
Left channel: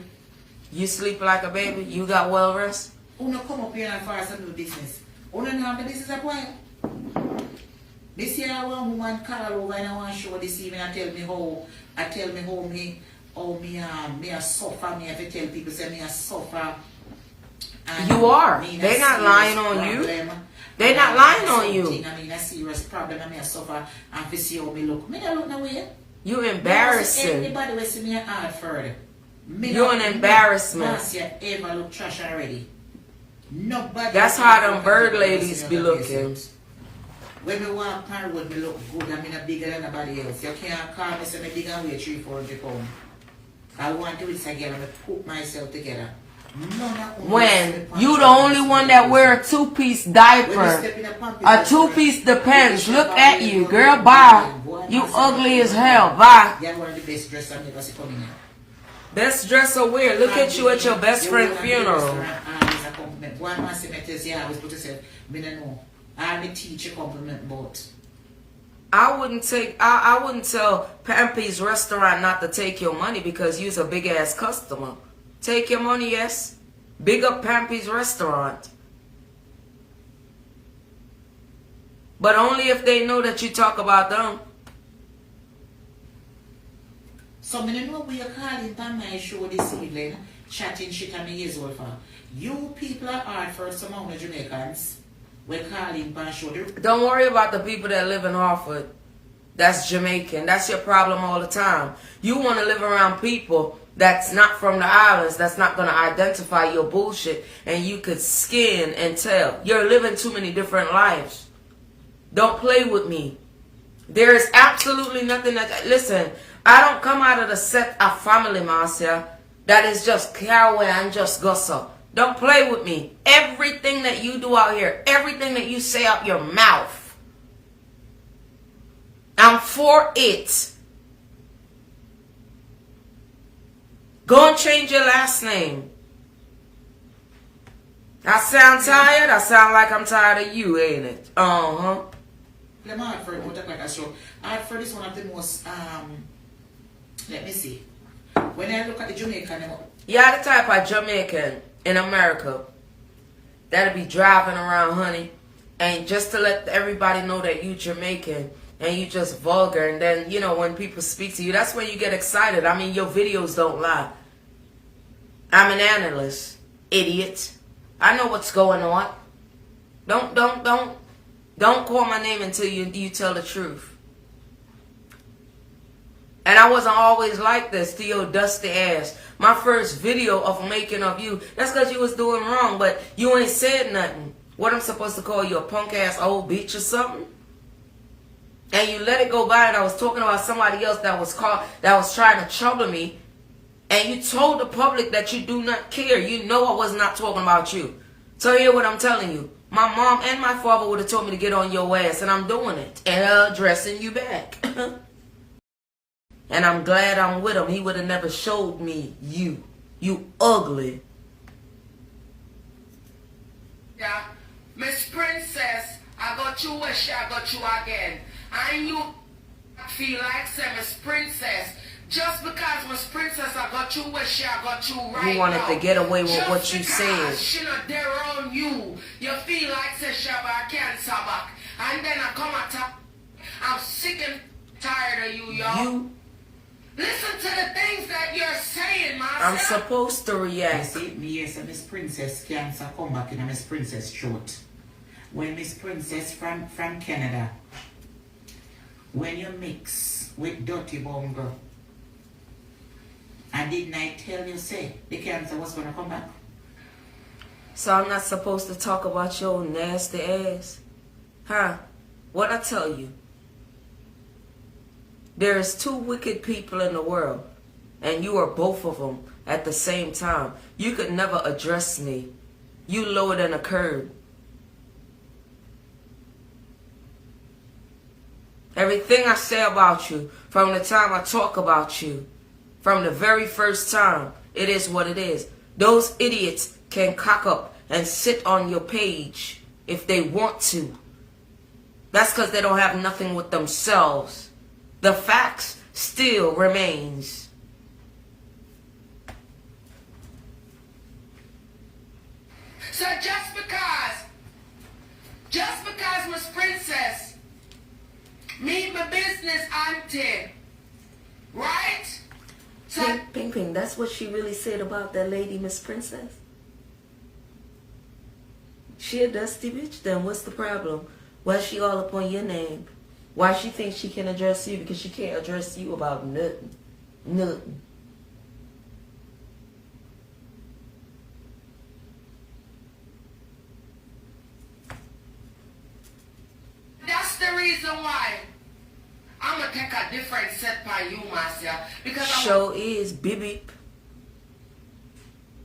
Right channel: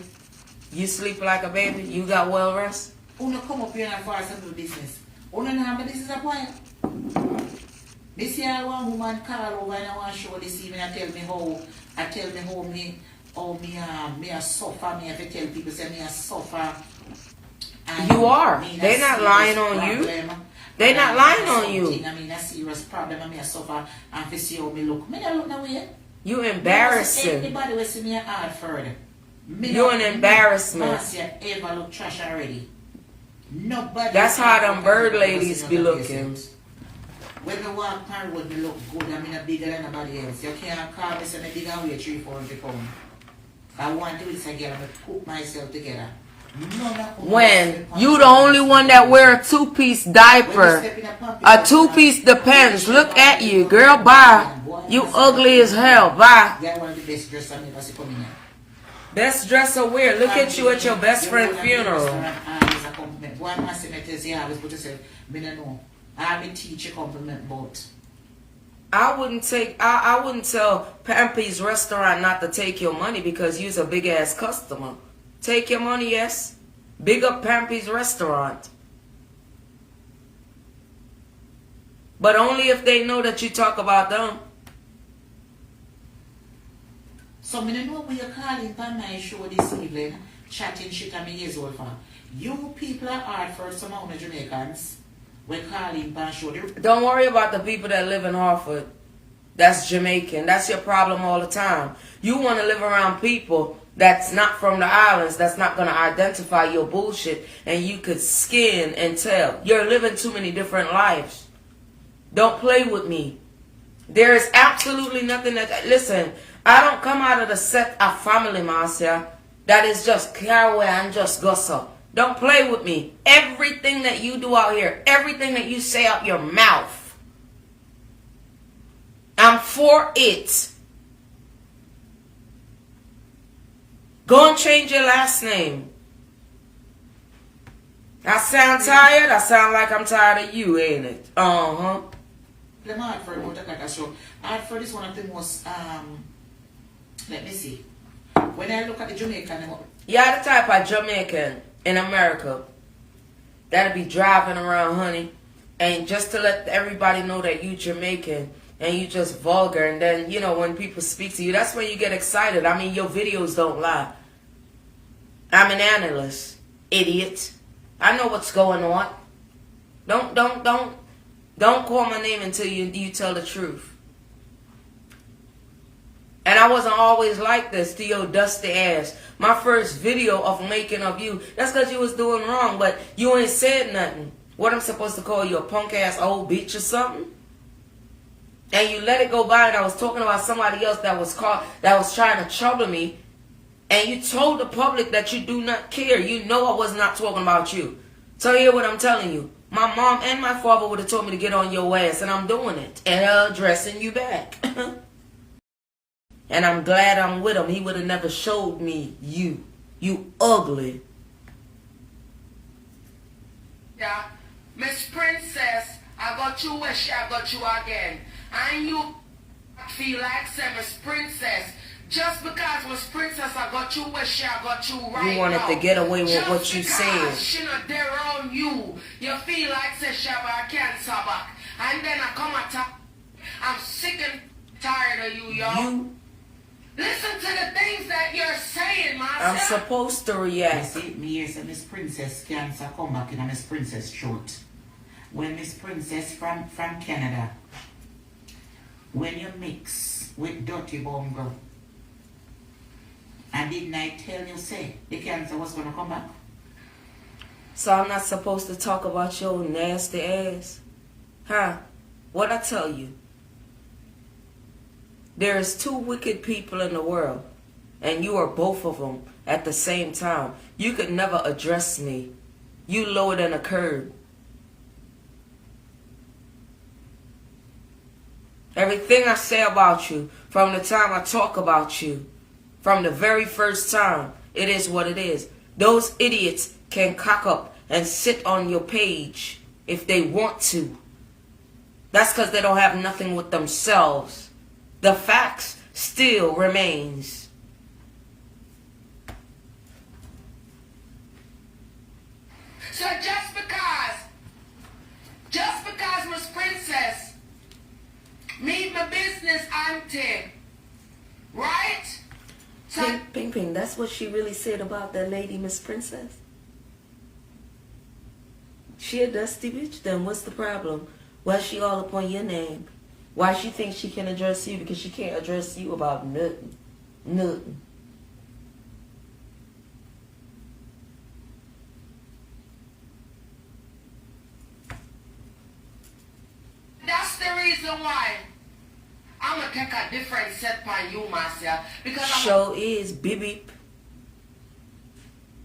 You sleep like a baby? You got well rest? Wanna come up here and fast and do business. Wanna know but this is a point. This year one woman call over and I want to show this evening and tell me how me a suffer. Me have to tell people say me a suffer. You are. They're not lying on you. They're not lying on you. I mean, a serious problem. I mean, I suffer and to see how me look. Me don't look no way. You're embarrassing. Anybody will see me hard further. You're an embarrassment. Marcia ever look trash already. Nobody. That's how them bird ladies be looking. When me walk on road, me look good. I mean, I'm bigger than anybody else. You can't call me say me bigger and weigh 300-400 pounds. I want to do this again. I cook myself together. When you the only one that wear a 2-piece diaper. A 2-piece depends. Look at you, girl. Bye. You ugly as hell. Bye. Best dresser where? Look at you at your best friend's funeral. I wouldn't tell Pampy's restaurant not to take your money because you's a big ass customer. Take your money, yes. Big up Pampy's restaurant. But only if they know that you talk about them. So I know we are calling on my show this evening, chatting shit on me as well for. You people are hard for some of the Jamaicans. We're calling on show. Don't worry about the people that live in Hartford. That's Jamaican. That's your problem all the time. You want to live around people that's not from the islands, that's not going to identify your bullshit, and you could skin and tell. You're living too many different lives. Don't play with me. There is absolutely nothing that... Listen, I don't come out of the set of family, Marcia, that is just caraway and just gossip. Don't play with me. Everything that you do out here, everything that you say out your mouth, I'm for it. Go and change your last name. I sound tired? I sound like I'm tired of you, ain't it? Uh-huh. Let me Hartford, what like I show. Hartford is one of the most, let me see. When I look at the Jamaican, yeah, the type of Jamaican in America that'll be driving around, honey, and just to let everybody know that you Jamaican and you just vulgar, and then, you know, when people speak to you, that's when you get excited. I mean, your videos don't lie. I'm an analyst, idiot. I know what's going on. Don't call my name until you tell the truth. And I wasn't always like this to your dusty ass. My first video of making of you, that's because you was doing wrong, but you ain't said nothing. What I'm supposed to call you, a punk ass old bitch or something? And you let it go by, and I was talking about somebody else that was trying to trouble me. And you told the public that you do not care. You know I was not talking about you. So hear what I'm telling you. My mom and my father would have told me to get on your ass, and I'm doing it. And addressing you back. And I'm glad I'm with him. He would have never showed me you. You ugly. Yeah, Miss Princess, I got you wish I got you again. And you feel like say Miss Princess. Just because Miss Princess I got you wish I got you right. You wanted now to get away with what you said. She not there on you. You feel like say Shabba cancer back. And then I come attack. I'm sick and tired of you, y'all. Listen to the things that you're saying, Marcia. I'm supposed to react. Me say Miss Princess cancer come back in a Miss Princess throat. When Miss Princess from Canada, when you mix with dirty bum girl, and didn't I tell you say the cancer was gonna come back? So I'm not supposed to talk about your nasty ass? Huh? What I tell you? There is 2 wicked people in the world, and you are both of them at the same time. You could never address me. You lower than a curb. Everything I say about you, from the time I talk about you, from the very first time, it is what it is. Those idiots can cock up and sit on your page if they want to. That's because they don't have nothing with themselves. The facts still remains. So just because Miss Princess need my business auntie, right? So Ping, that's what she really said about that lady, Miss Princess. She a dusty bitch, then what's the problem? Why she all up on your name? Why she thinks she can address you? Because she can't address you about nothing. Nothing. That's the reason why I'm going to take a different set by you, Marcia. Because show is beep beep.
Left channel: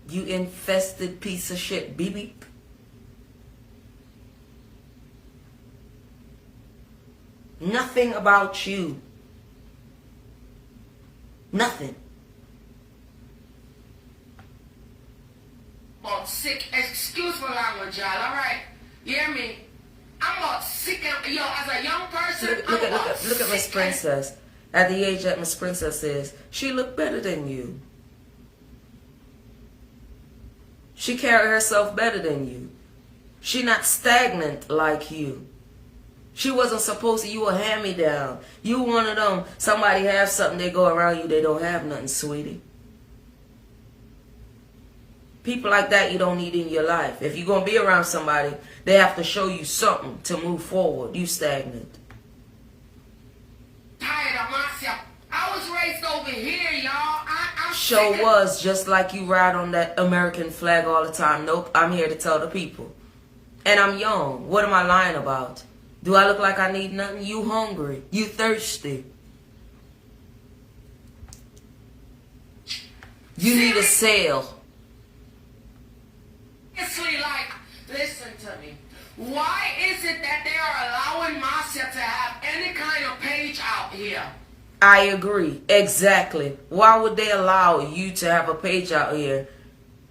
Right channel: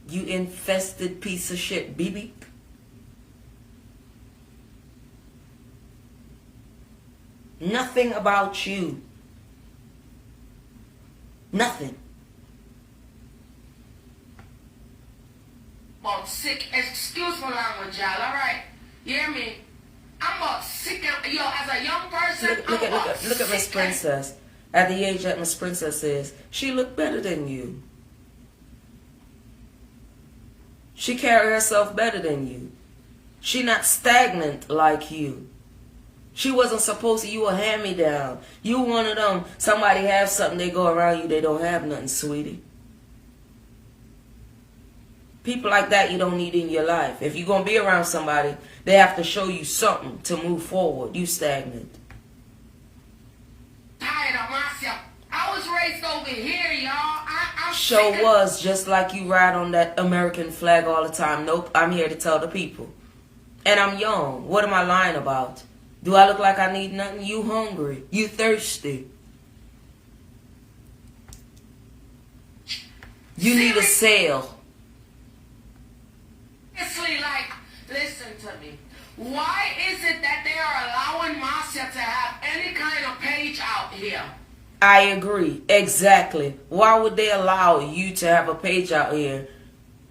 You infested piece of shit, beep beep. Nothing about you. Nothing. About sick, excuse my language, y'all, alright? You hear me? I'm about sick of, yo, as a young person, look at Miss Princess. At the age that Miss Princess is, she looked better than you. She carried herself better than you. She not stagnant like you. She wasn't supposed to, you a hand-me-down. You one of them, somebody have something, they go around you, they don't have nothing, sweetie. People like that you don't need in your life. If you're going to be around somebody, they have to show you something to move forward. You stagnant. Tired of Marcia. I was raised over here, y'all. I'm sure was, just like you ride on that American flag all the time. Nope, I'm here to tell the people. And I'm young. What am I lying about? Do I look like I need nothing? You hungry. You thirsty. You need a sale. Seriously, like, listen to me. Why is it that they are allowing Marcia to have any kind of page out here? I agree. Exactly. Why would they allow you to have a page out here?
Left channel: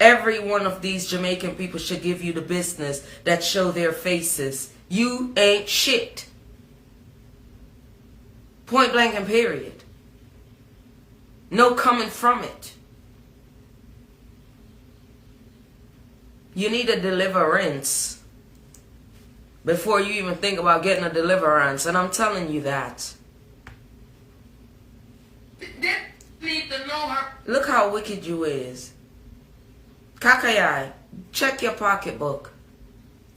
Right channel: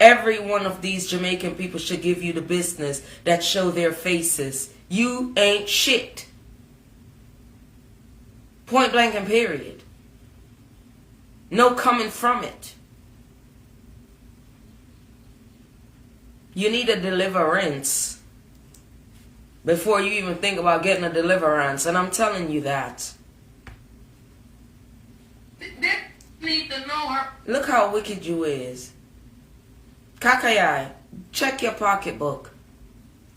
Every one of these Jamaican people should give you the business that show their faces. You ain't shit. Point blank and period. No coming from it. You need a deliverance before you even think about getting a deliverance. And I'm telling you that. They need to know her. Look how wicked you is. Kakayai, check your pocketbook.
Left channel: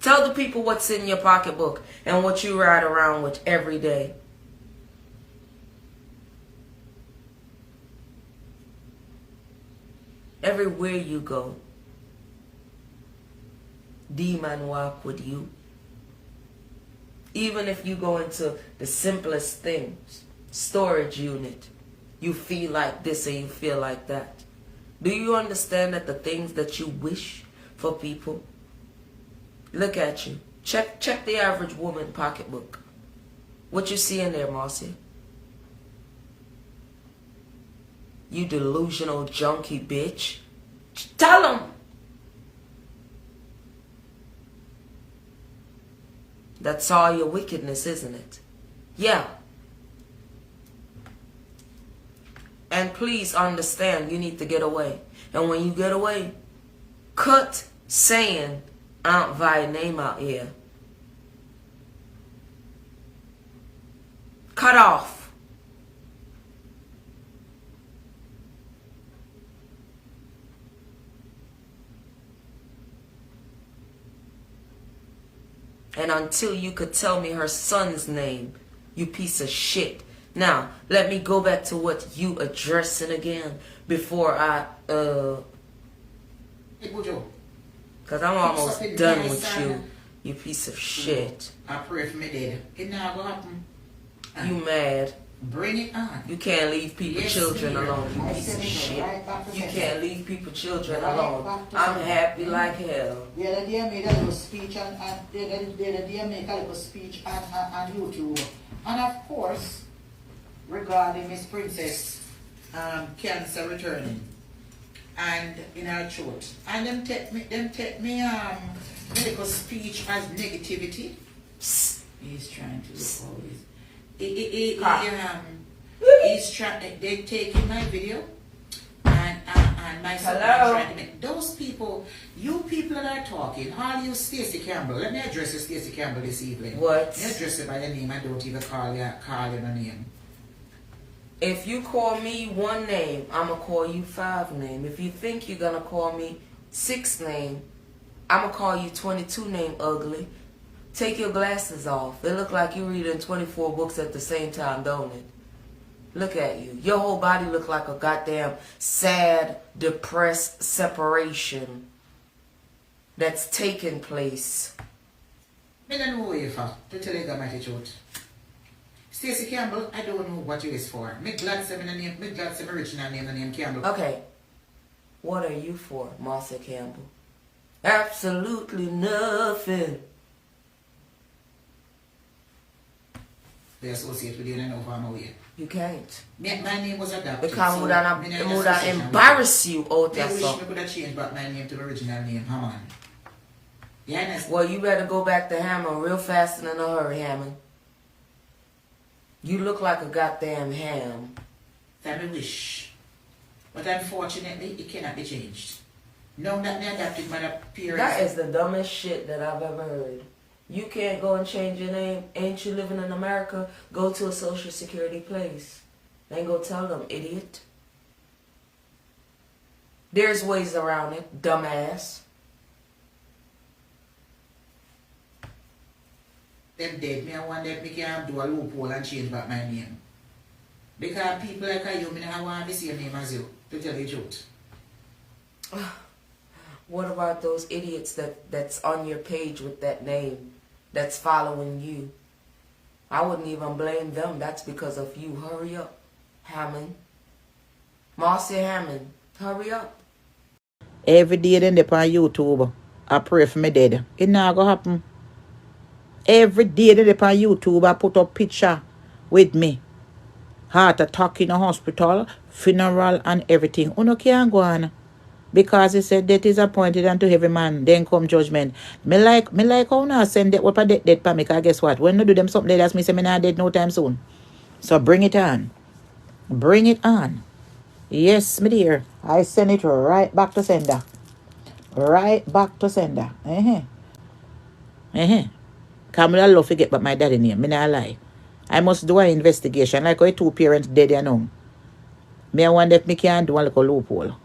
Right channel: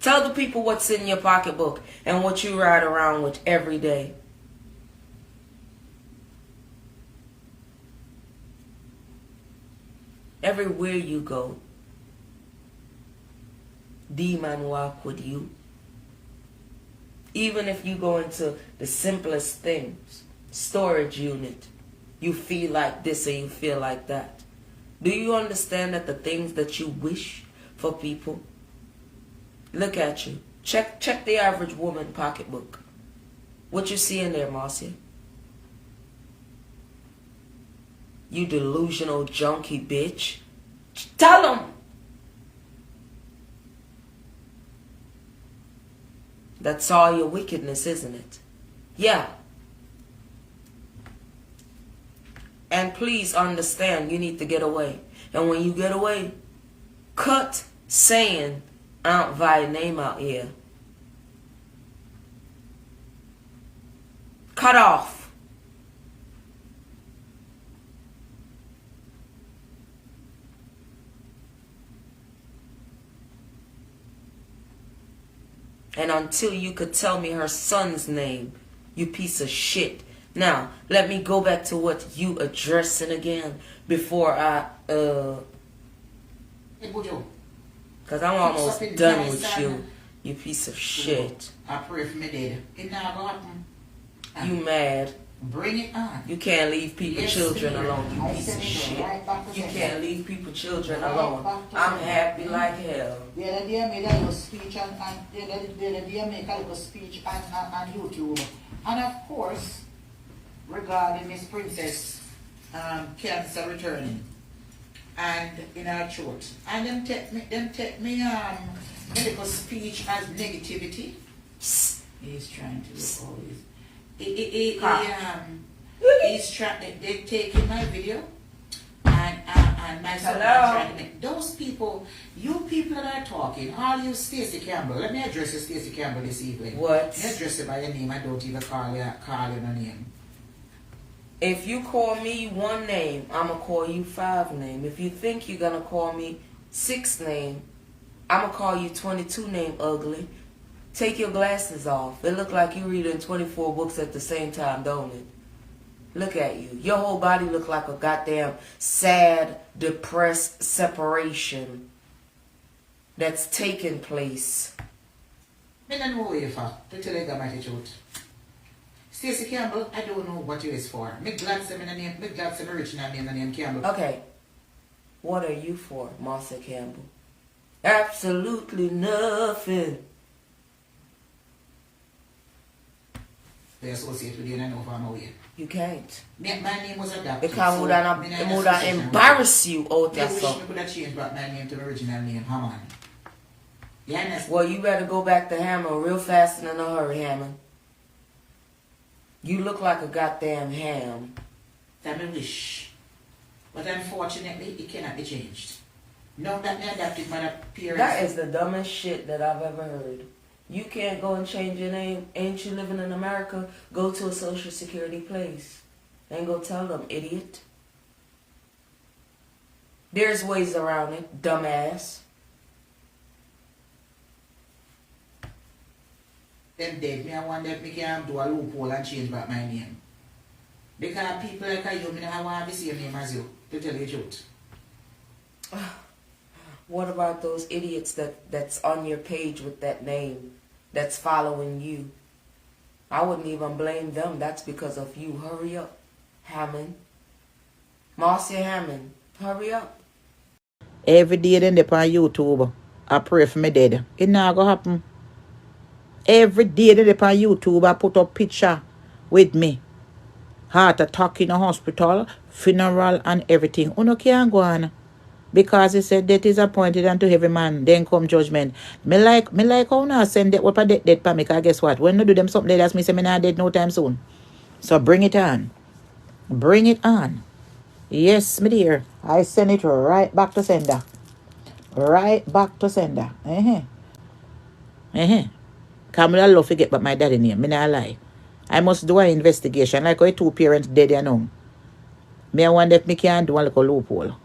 Tell the people what's in your pocketbook and what you ride around with every day. Everywhere you go, demon walk with you. Even if you go into the simplest things, storage unit, you feel like this and you feel like that. Do you understand that the things that you wish for people? Look at you. Check the average woman pocketbook. What you see in there, Marcia? You delusional junkie bitch. Tell them. That's all your wickedness, isn't it? Yeah. And please understand, you need to get away. And when you get away, cut saying Aunt Vi name out here. Cut off. And until you could tell me her son's name, you piece of shit. Now, let me go back to what you addressing again before I, because I'm almost done with you, you piece of shit. I pray for me, Daddy. It now go happen. You mad. Bring it on. You can't leave people children alone, you piece of shit. You can't leave people children alone. I'm happy like hell. The other day I made a little speech on YouTube. And of course, regarding Miss Princess cancer returning and in our church. And them take me medical speech as negativity. He's trying to always. He's trying. They taking my video and myself trying to make those people. You people that are talking, all you Stacey Campbell. Let me address you, Stacey Campbell, this evening. What? Let me address you by your name. I don't even call you no name. If you call me one name, I'ma call you 5 names. If you think you're gonna call me 6 names, I'ma call you 22 name ugly. Take your glasses off. It look like you reading 24 books at the same time, don't it? Look at you. Your whole body look like a goddamn sad, depressed separation that's taking place. I don't know where you're from. To tell you the matter truth. Stacey Campbell, I don't know what you is for. Me glad say me name, me glad say me original name and name Campbell. Okay. What are you for, Marcia Campbell? Absolutely nothing. They associate with you and I know I'm away. You can't. My name was adopted. Because so it would embarrass you out there. I wish I could have changed back my name to the original name, Hammond. You understand? Well, you better go back to Hammond real fast and in a hurry, Hammond. You look like a goddamn ham. That I wish. But unfortunately, it cannot be changed. Now that my adopted mother appears... That is the dumbest shit that I've ever heard. You can't go and change your name. Ain't you living in America? Go to a social security place. And go tell them, idiot. There's ways around it, dumbass. Them dead. Me I want that me can do a loophole and change back my name. Because people like you, me I want the same name as you, to tell you the truth. What about those idiots that's on your page with that name, that's following you? I wouldn't even blame them. That's because of you. Hurry up, Hammond. Marcia Hammond, hurry up. Every day then they on YouTube, I pray for me dead. It not gonna happen. Every day they on YouTube, I put up picture with me. Heart attack in a hospital, funeral and everything. Uno can't go on. Because he said death is appointed unto every man, then come judgment. Me like how now send that what a dead pa me, because guess what? When you do them something that's me say me not dead no time soon. So bring it on. Bring it on. Yes, me dear. I send it right back to sender. Right back to sender. Campbell I love to get back my daddy name. Me not lie. I must do an investigation like how two parents dead you know. Me I wonder if me can do a little loophole.